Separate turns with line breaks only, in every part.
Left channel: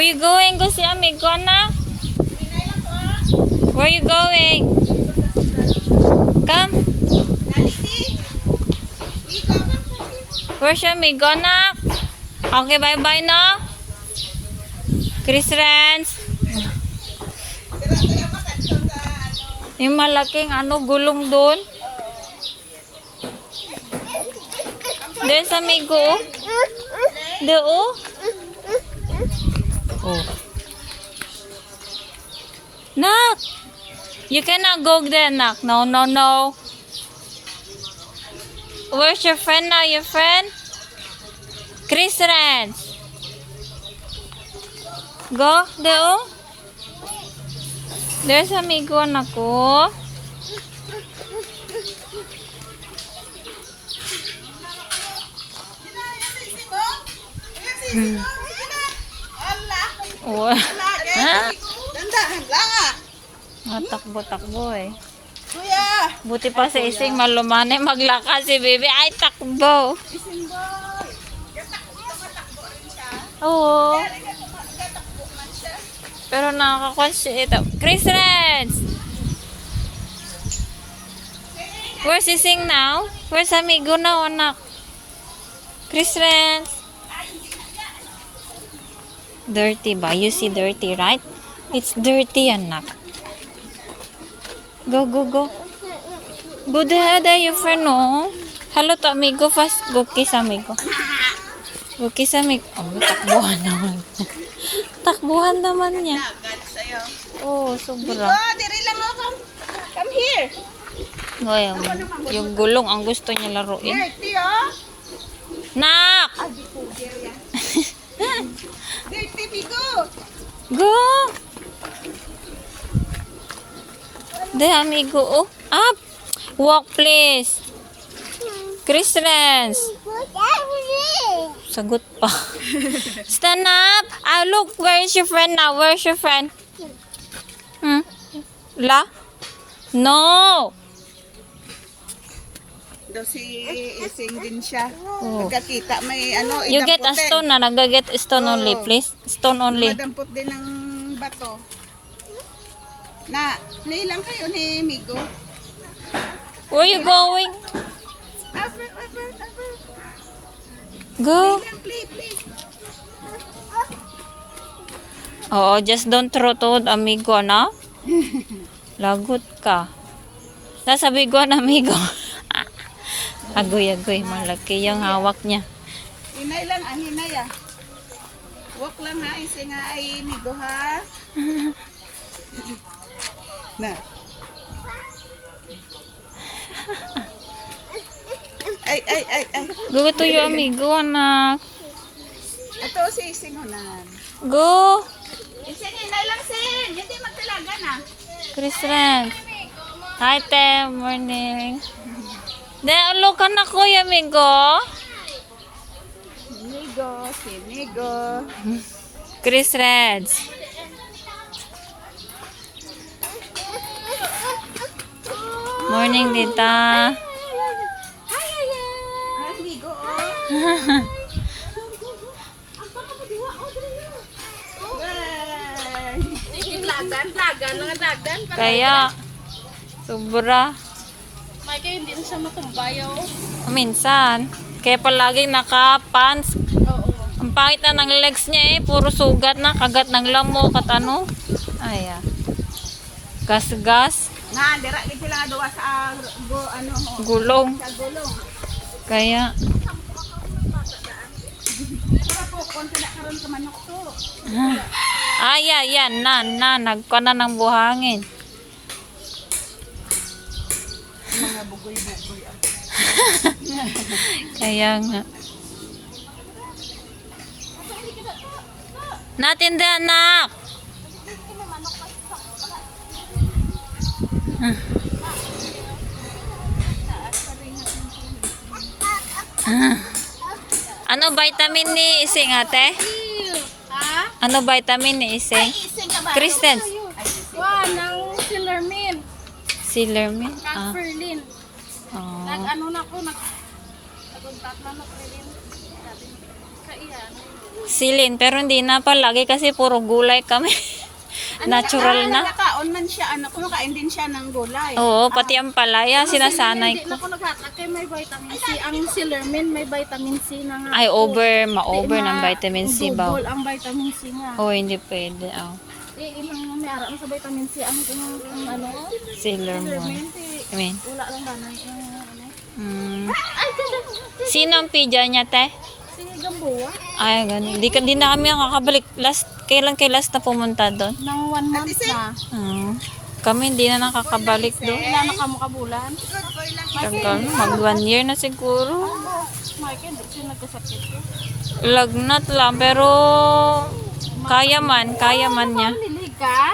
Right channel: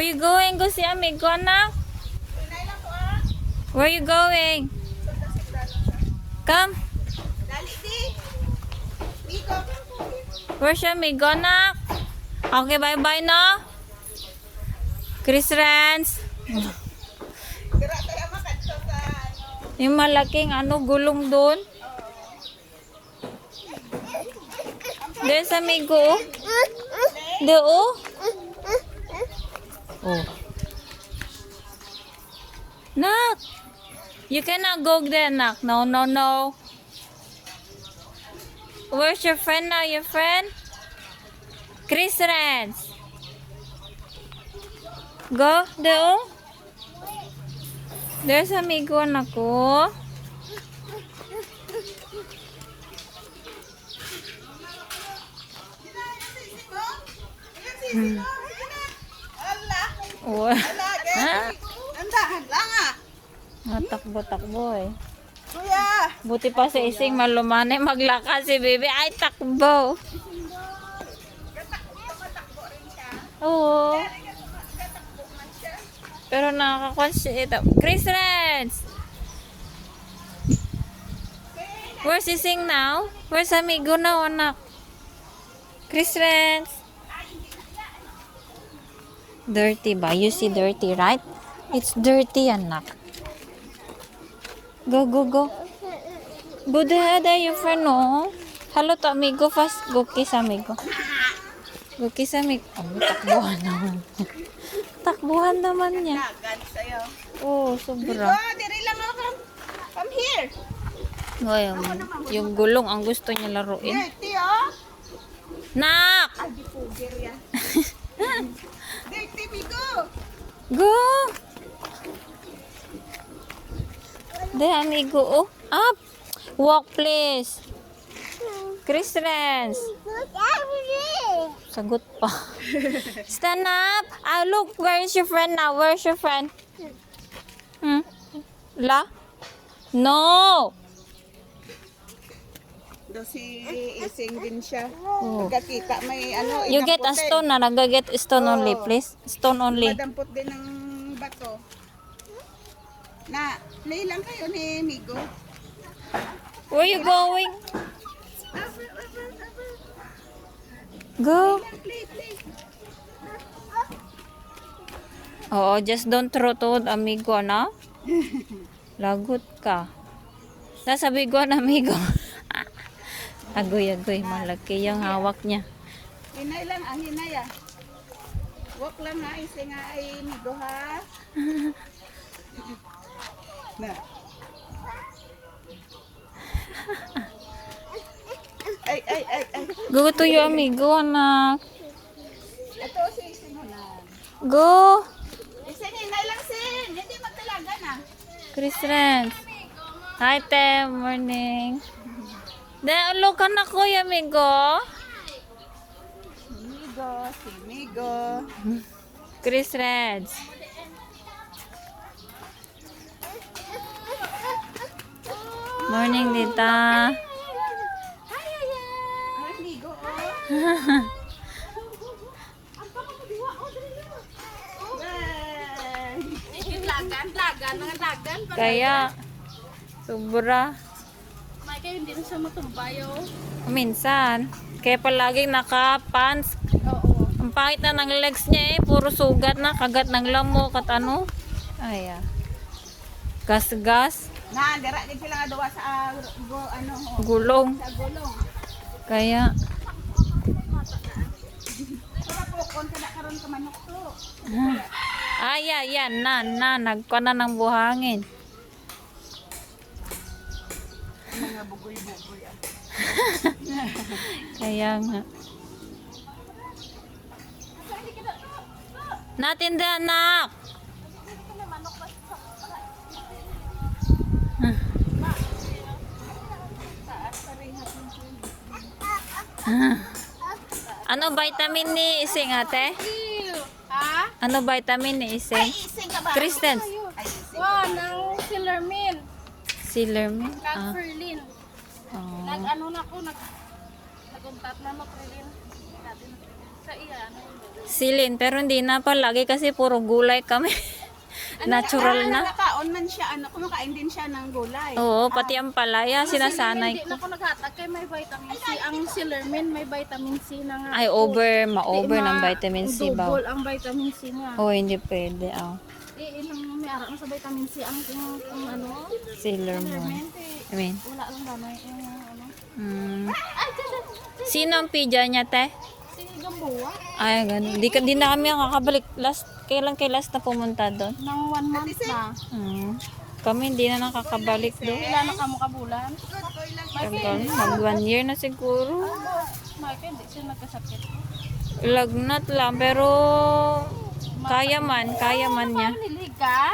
Where you going? Go si amigo na? Where you going? Come. Where's your amigo na? Okay, bye-bye na. Chris Rance. Yung malaking ano, gulong doon. Doon sa amigo. oh. Doon. oh. Oh. Nak! You cannot go there, Nak. No, no, no. Where's your friend now? Your friend? Chris Rance. Go, deo. There's amigo anak ko. Oh. Matakbo-takbo eh.
Kuya!
Buti pa si Ising malumanay maglakas si Bibi. Ay, takbo.
Ising boy! Gatakbo matakbo rin siya.
Oo.
Gatakbo man siya.
Pero nakakakwan siya ito. Chris Reds! Where's Ising now? Where's amigo now, anak? Chris Reds! Dirty ba? You see dirty, right? It's dirty, anak. Go, go, go. Go there, there, your friend, no? Hello to amigo. Fast, go kiss amigo. Go kiss amigo. Oh, takbuhan naman. takbuhan naman niya. Oh, sobra.
Oh, diri lang mo. Come, come here.
Ngayon, yung gulong ang gusto niya laruin.
Dirty oh.
Nak!
Dirty bigo.
Go! De, amigo. Oh, up! Walk, please. Chris Rance. Sagot pa. Stand up! Ah, look, where is your friend now? Where is your friend? Hmm? La? No!
Daw si Ising din siya.
Oh.
Pagkakita may ano,
You get a stone na. Nagaget stone only,
Oh.
please. Stone only.
Madampot din ng bato. Na, nailang kayo ni Migo.
Where you going?
Abel, abel, abel.
Go.
Nailang, play, play.
Oo, just don't throw to amigo, no? Lagot ka. Sasabi ko na amigo. agoy, agoy. Malaki yung hawak niya.
Hinay lang, ah, hinay ah. Walk lang ha, Ising nga ay Migo ha. na. Ay, ay, ay, ay.
Go to your amigo, anak.
Ito si Ising Hunan.
Go!
Ising, hinay lang, Sing. Hindi magtalaga na.
Kristen. Hi, te. Morning. De, ulo ka na, kuya, amigo.
Migo, si Migo.
Chris Reds.
Mga lagan.
Kaya, sobra.
Kaya hindi na siya matumbayo.
Minsan. Kaya palaging naka-pants.
Oo.
Ang pangit na ng legs niya eh. Puro sugat na. Kagat ng lamok at ano. Ay, ah. Gas-gas.
Na, dira din sila nga dawa sa go, ano mo.
Gulong.
Sa gulong.
Kaya,
Pero po, konti na karon sa manok to.
ay, yan, yan. Na, na. Nagka na ng buhangin.
Mga bugoy-bugoy. ah.
Kaya nga. Natin din, anak. Ah. Ah. Ano vitamin ni Ising ate?
Ha?
Ano vitamin ni Ising?
Ising ka ba?
Kristen.
Wow, ng.
Silermin?
Kag
Ah.
Ferlin.
Oh.
Nag ano na ko, nag nagkontak na na Ferlin.
Silin, pero hindi na palagi kasi puro gulay kami. Natural na.
Nakakaon man siya, ano, kumakain din siya ng gulay.
Oo, pati ang palaya, sinasanay
Hindi
ko.
na ako naghatag kay may vitamin C. Ang Sillermin may vitamin C na nga.
Ay, over, ma-over ng
Ma-
vitamin C ba?
Double ang vitamin C niya.
Oh, hindi pwede. Oh.
Eh, ilang may ara na sa vitamin C ang ang- ang ano? Eh,
I mean,
Wala lang ba na yung ano?
mm,
ganda.
sino ang pidya niya, te? Ay, ganun. Di, ka- di na kami ang kakabalik. Last, kailan kay last na pumunta doon?
Nang one month na.
Hmm. Kami hindi na nakakabalik doon.
Ilan na kamo kabulan?
Tagal mag one year na siguro.
Mark, hindi siya nagkasakit ko.
Lagnat lang, pero kaya man, kaya man niya.
Lilig ka.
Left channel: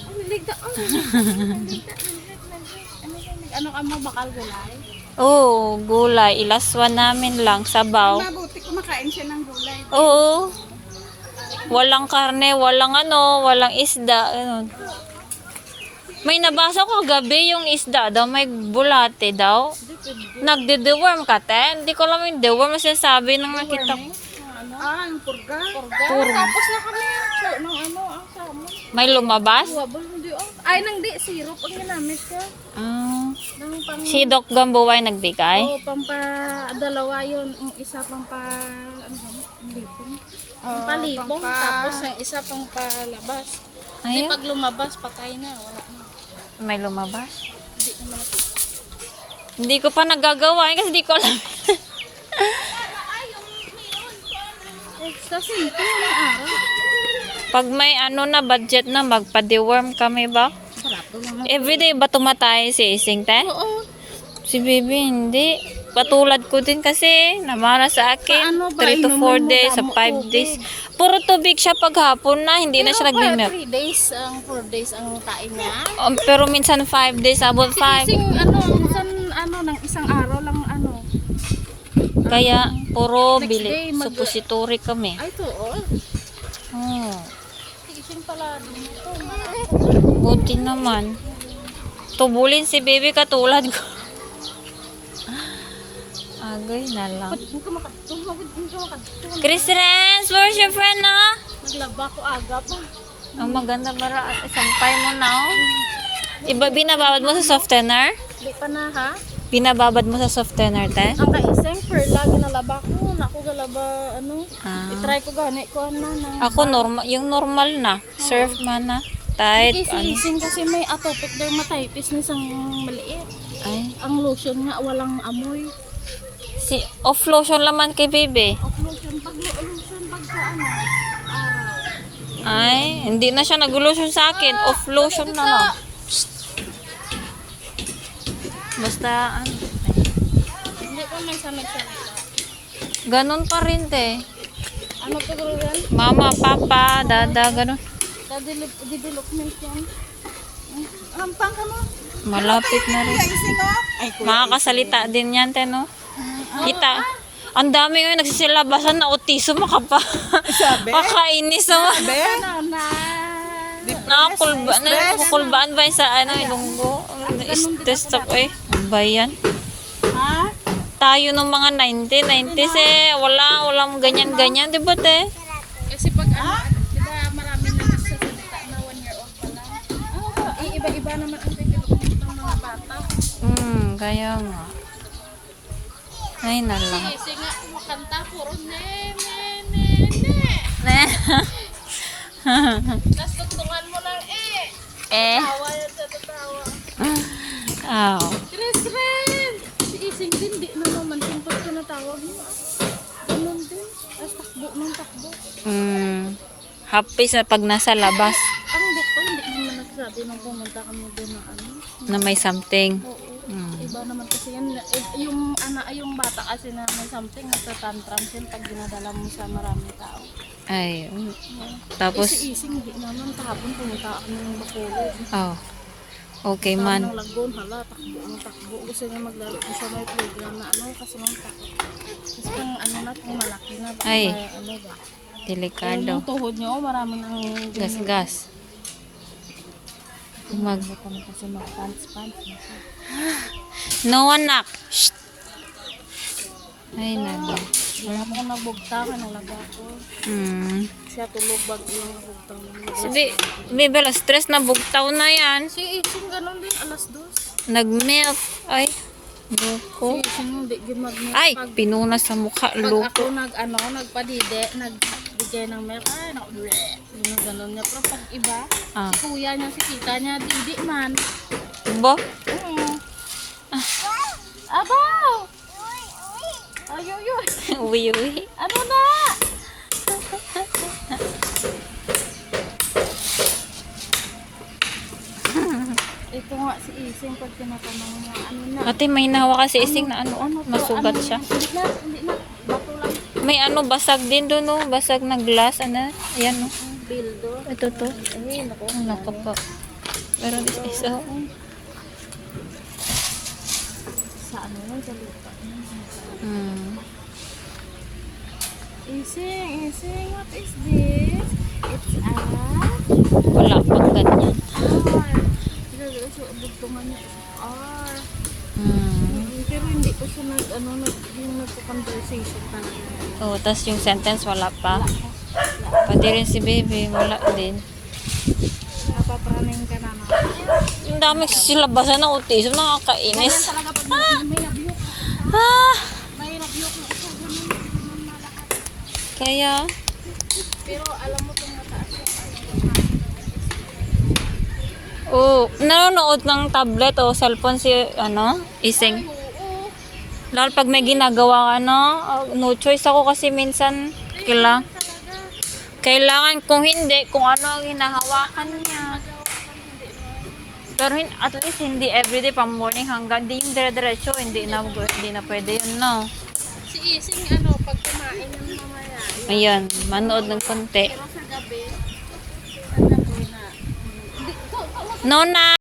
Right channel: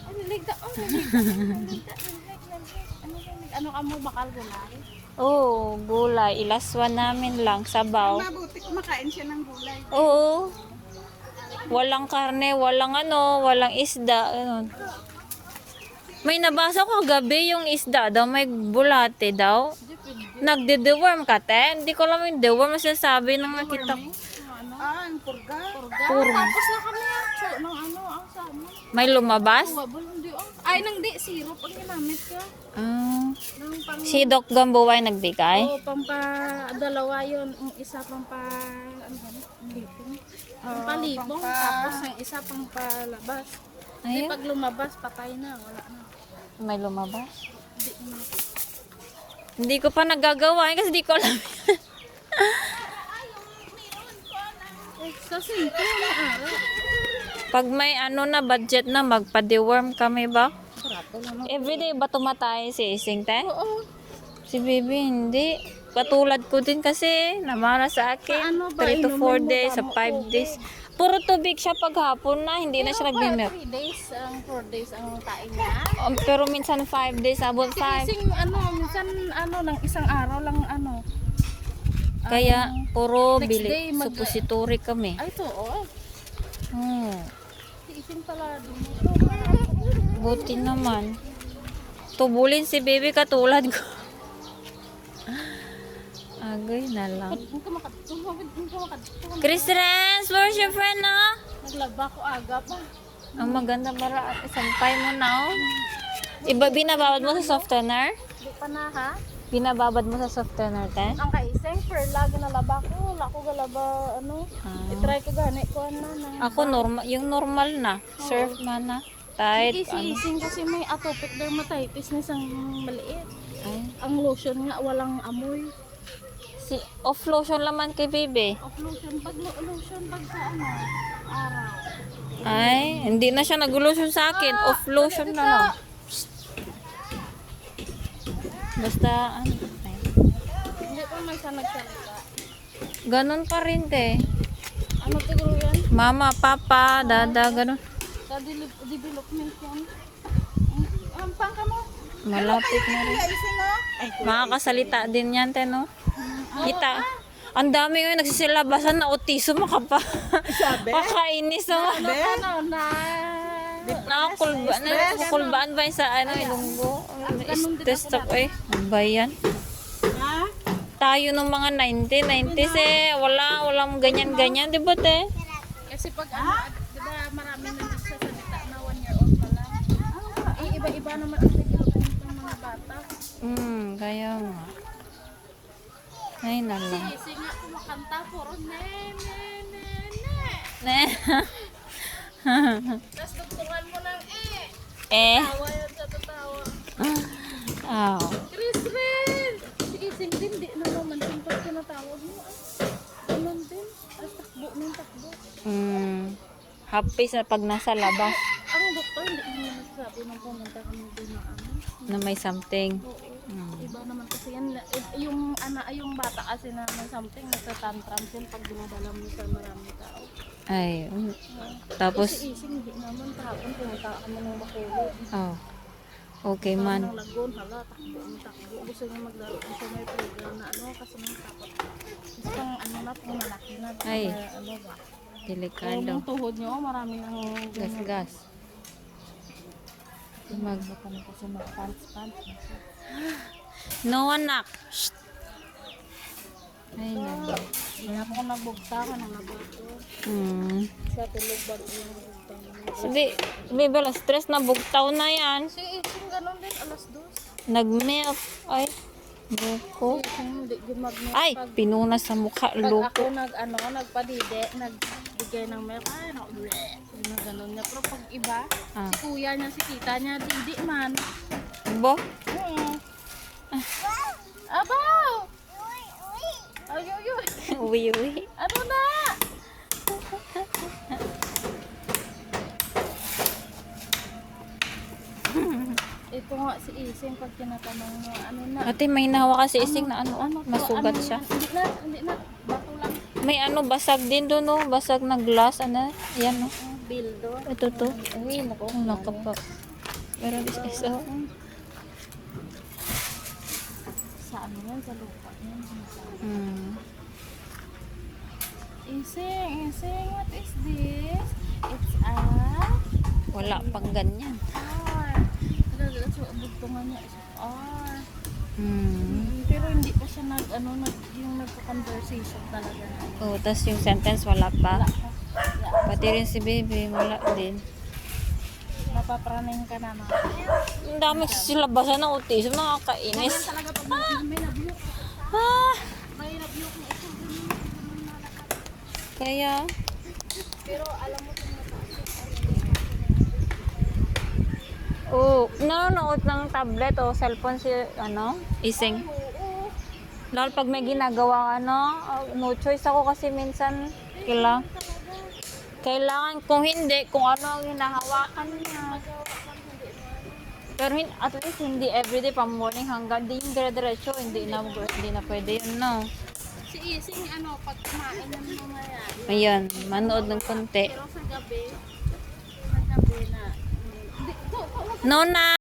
Oh, lilig ka. Ano ka mo bakal gulay?
Oo, gulay. Ilaswan namin lang, sabaw.
Mabuti kumakain siya ng gulay.
Oo. Walang karne, walang ano, walang isda. Ano. May nabasa ko gabi yung isda daw, may bulate daw. Nagde-deworm ka, te? Hindi ko alam yung deworm na sinasabi nang nakita ko.
Ah, ang purga.
Tapos na kami ng ano, ang sama.
May lumabas?
Oh. Ay, nang di, syrup ang ginamit ko.
Ah.
Pang,
Si Doc Gamboay nagbigay?
oh, pang pa, dalawa yun. Ang isa pang pa, ano ba? Libong.
Oh,
Palibong. Tapos yung isa pang palabas. Di
Ayun.
pag lumabas, patay na. Wala na.
May lumabas?
Hindi naman.
Hindi ko pa nagagawa eh, kasi di ko alam. Pag may ano na budget na, magpa-deworm kami ba? Everyday ba tumatay si Ising, te?
Oo.
Si Baby, hindi. Patulad ko din kasi, namara sa akin.
Paano ba
3 to 4
inuman mo
days, sa
damo
5
tubig?
days. Puro tubig siya paghapon na, hindi na siya nagmi-milk.
3 days, ang 4 days ang kain niya.
Um, pero minsan 5 days, abot 5.
Sing ano, minsan ano, ng isang araw lang ano.
Kaya, puro
Next
bili.
day, mag-
Suppository kami.
Ay, to, oh.
Hmm.
Ising pala.
Buti naman. Tubulin si baby katulad ko. Agay na lang.
Huwag ka maka- huwag ka- huwag ka maka-
Chris Renz, where's your friend na?
Naglaba ko aga pa.
Ang maganda para sampay mo na oh. Iba binababad mo sa softener?
Di pa na ha.
Binababad mo sa softener, te?
Ang kaiseng per lagi nalaba ko. Naku galaba ano.
Ah.
I-try ko gani ko ano na.
Ako normal, yung normal na. Surf man na. Tight, ano.
Kasi may atopic dermatitis na isang maliit.
Ay,
Ang lotion nga walang amoy.
si off lotion laman kay baby.
Ang lotion pag lotion pag sa ano. Ah,
Ay, hindi na siya nag-lotion sa akin. Off lotion na lang. Basta, ano.
hindi ko man siya nagsalita.
Ganon pa rin, te.
Ano to yan?
Mama, papa, dada, ganon.
Development yan. Hampang ka mo.
Malapit na rin. Makakasalita din yan, te, no? Kita. Ang dami ngayon nagsisilabasan na autism ka pa.
Sabi?
Makainis naman.
Sabi?
Na?
Nakakulba, nakakulbaan ba yun sa ano, ilunggo? Stress ako eh. Ano ba yan?
Ha?
Tayo nung mga 90, 90s eh. Wala, walang ganyan-ganyan, di ba te?
Kasi pag ano, di ba marami na nagsasalita na one year old pa lang. Eh, iba-iba naman ang development ng mga bata.
Hmm, kaya nga. Ay, na lang.
Kasi nga, makanta, puro ne, ne, ne, ne. Tapos tugtungan mo lang, eh.
eh.
Tawa yun sa tatawa.
Ah.
Chris Ren! Si Ising din, di na naman simpot tinatawag mo. Ganun din. Tapos takbo ng takbo.
Hmm. Happy sa pag nasa labas
Ang doktor, hindi naman nagsasabi na pumunta kami doon na ano.
Na may something.
Oo. Iba naman kasi yan. Yung, ana, yung bata kasi na may something, nagtatantrum yan pag dinadala mo sa maraming tao.
Ay, oh.
Oo.
Tapos,
Eh, si Ising, di naman. Kahapon pumunta kami ng Bacolod.
oh. Okay
Tama
man.
ng lagoon, hala, takbo ang takbo. Gusto niya maglaro sa may playground na ano, kasi nang takot. Kasi kung ano na, kung malaki na,
Ay.
may ano ba. Yung
Delikado.
tuhod niyo, marami nang
Gas-gas. Mag...
kami kasi mag-pants-pants.
No anak. Shh. Ay, nalo.
Wala ko nabugta ka ng laba ko.
Hmm.
Siya tulog bag yung nabugta.
Sabi, Bibel, stress na bugtaw na yan.
Si Ising ganun din, alas dos.
Nag-melt. Ay,
Si
loko.
Ising hindi gumagmit.
Ay, pinuna sa mukha.
pag
Loko.
ako nag, ano, nagpadide, nagbigay ng milk, ay, naku, bleh. Yung ganun niya. Pero pag iba,
Ah.
si kuya niya, si tita niya, didi man.
Bo?
Oo. Abaw! Ay, ay, ay.
uwi, uwi.
Ano na? Nga si Ising pag tinatanong niya, ano na?
Ate, may nahawa kasi ising na ano,
Ano
masugat
Ano
siya.
Hindi na, hindi na. Bato lang.
May ano, basag din doon, no? Basag na glass, ano? Ayan, no?
Bildo.
Ito to.
Ay, nako.
Ang lako pa. Pero this is, oh.
Sa ano yan? Sa lupa. yan.
Hmm.
Ising, Ising, what is this? It's a
Wala pag ganyan.
R. Niya. R.
Hmm.
Mm, Pero hindi ko siya nag, ano, nag, yung nagko-conversation talaga.
Oh, tas yung sentence wala pa. Pati rin si baby, wala din.
Napapraning ka na na.
Ang dami silabasan ng autism, nakakainis.
Talaga pag may, may nabiyok,
Ah!
may nabiyok na ito. ganun.
Kaya,
Pero alam mo kung mataas yung
oh, nanonood ng tablet o cellphone si, ano, ising. Lalo pag may ginagawa ka, no, ah, no choice ako kasi minsan, kailangan, kailangan kung hindi, kung ano ang hinahawakan niya. Pero at least hindi everyday from morning hanggang di yung dire-diretso, hindi na, hindi na pwede yun, no.
Si Ising, ano, pag kumain ng mamaya,
Ayan, manood ng konti.
pero sa gabi, ang